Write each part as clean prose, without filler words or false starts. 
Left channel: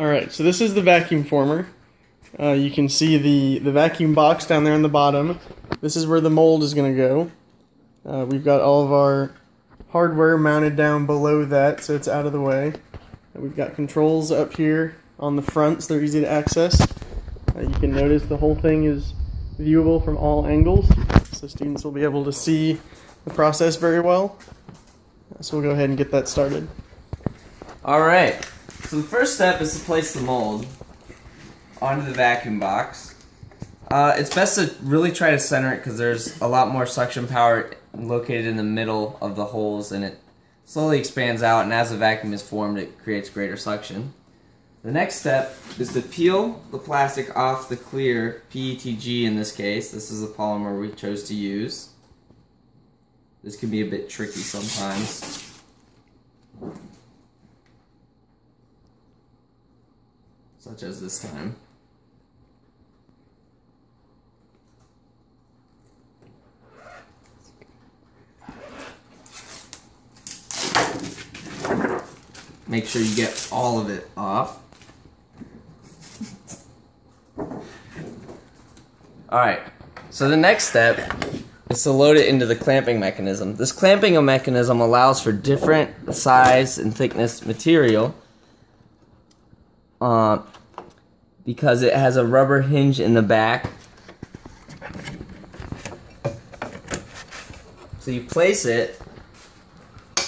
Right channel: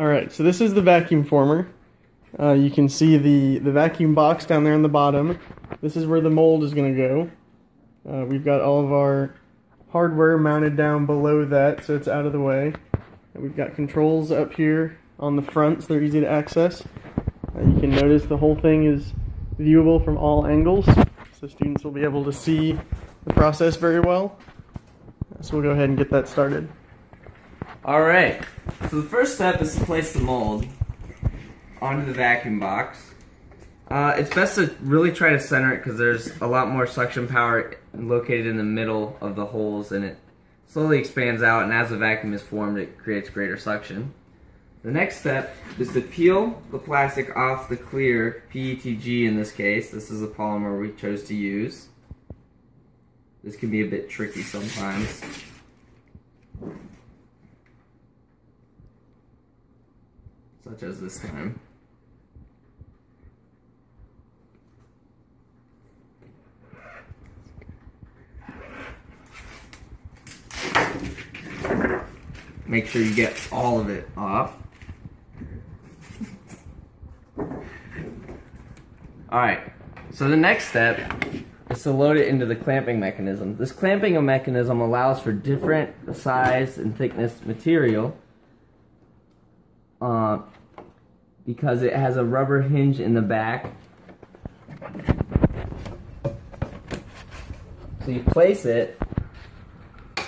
Alright, so this is the vacuum former. You can see the vacuum box down there on the bottom. This is where the mold is going to go. We've got all of our hardware mounted down below that, so it's out of the way. And we've got controls up here on the front, so they're easy to access. You can notice the whole thing is viewable from all angles, so students will be able to see the process very well. So we'll go ahead and get that started. Alright, so the first step is to place the mold onto the vacuum box. It's best to really try to center it because there's a lot more suction power located in the middle of the holes, and it slowly expands out, and as the vacuum is formed it creates greater suction. The next step is to peel the plastic off the clear PETG. In this case, this is the polymer we chose to use. This can be a bit tricky sometimes. Such as this time. Make sure you get all of it off. Alright, so the next step is to load it into the clamping mechanism. This clamping mechanism allows for different size and thickness material because it has a rubber hinge in the back. So you place it,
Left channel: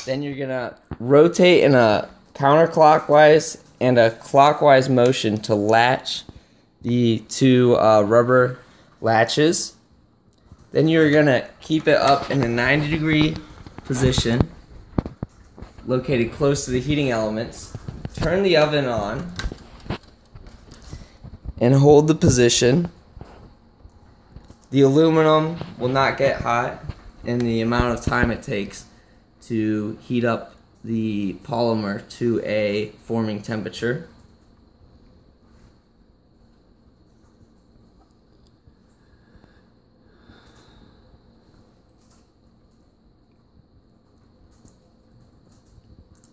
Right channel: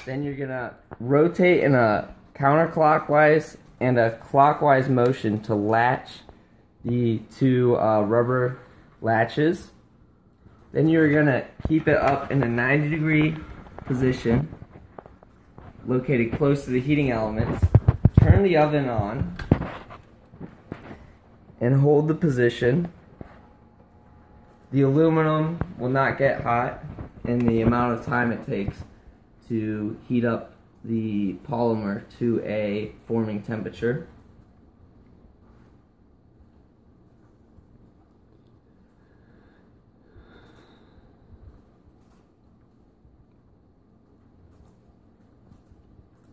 then you're gonna rotate in a counterclockwise and a clockwise motion to latch the two rubber latches. Then you're gonna keep it up in a 90-degree position located close to the heating elements. Turn the oven on and hold the position. The aluminum will not get hot in the amount of time it takes to heat up the polymer to a forming temperature.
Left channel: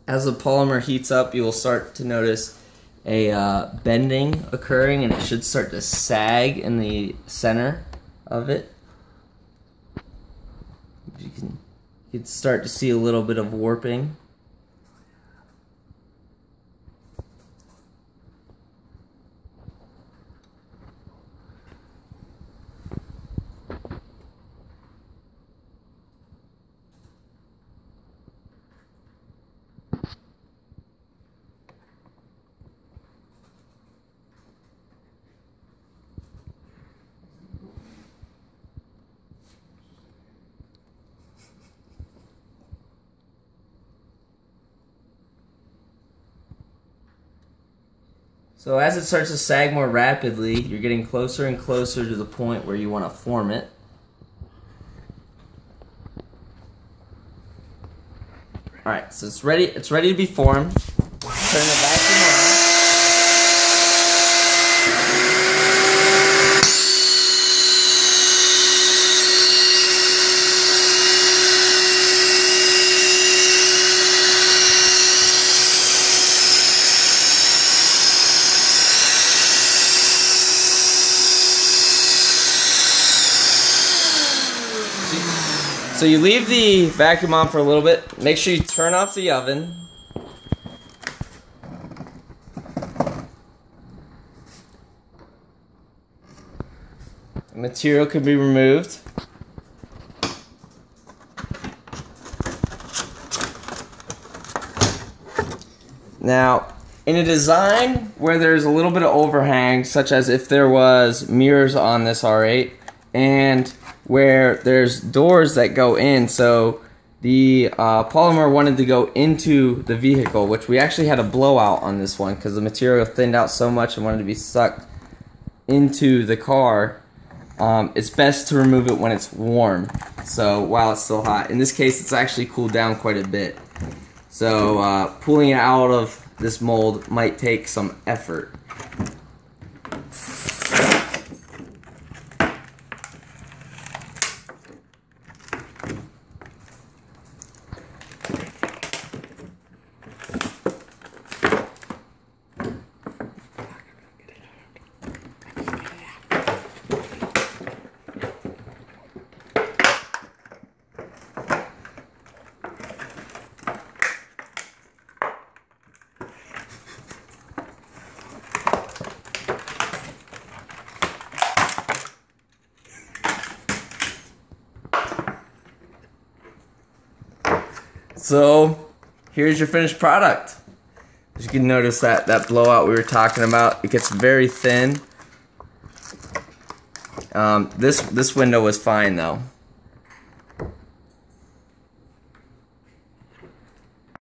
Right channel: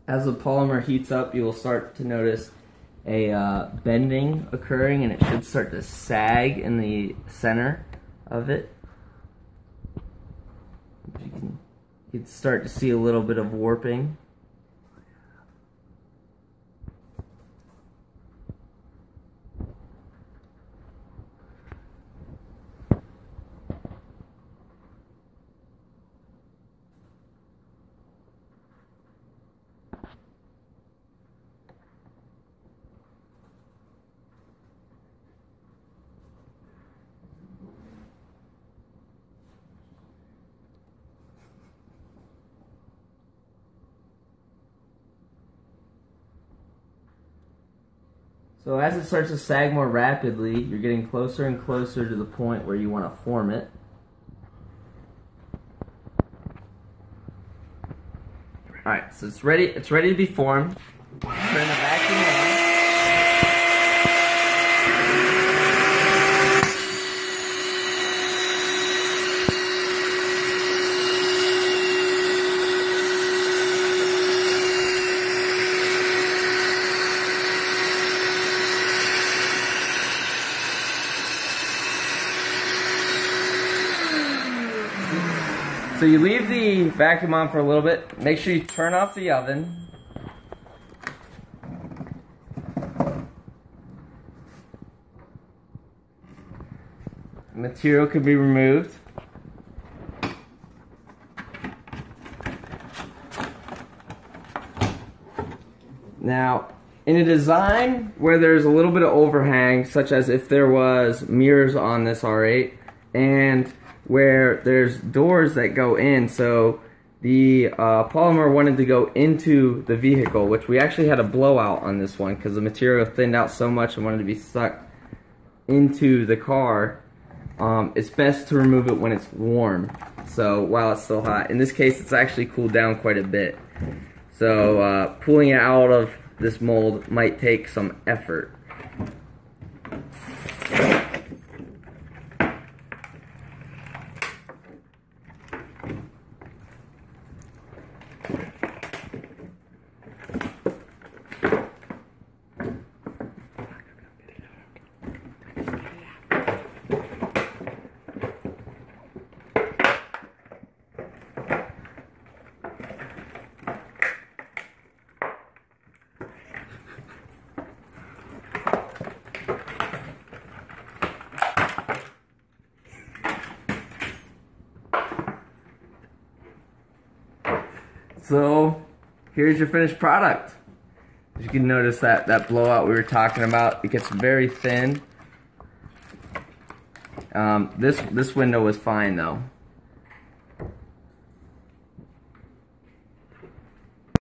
As the polymer heats up, you will start to notice a bending occurring, and it should start to sag in the center of it. You can start to see a little bit of warping. So as it starts to sag more rapidly, you're getting closer and closer to the point where you want to form it. Alright, so it's ready to be formed. Turn the vacuum on. So you leave the vacuum on for a little bit. Make sure you turn off the oven. Material can be removed. Now, in a design where there's a little bit of overhang, such as if there was mirrors on this R8, and where there's doors that go in, so the polymer wanted to go into the vehicle, which we actually had a blowout on this one because the material thinned out so much and wanted to be sucked into the car. It's best to remove it when it's warm, so while it's still hot. In this case, it's actually cooled down quite a bit, so pulling it out of this mold might take some effort. So here's your finished product. As you can notice that blowout we were talking about, it gets very thin. This window was fine though.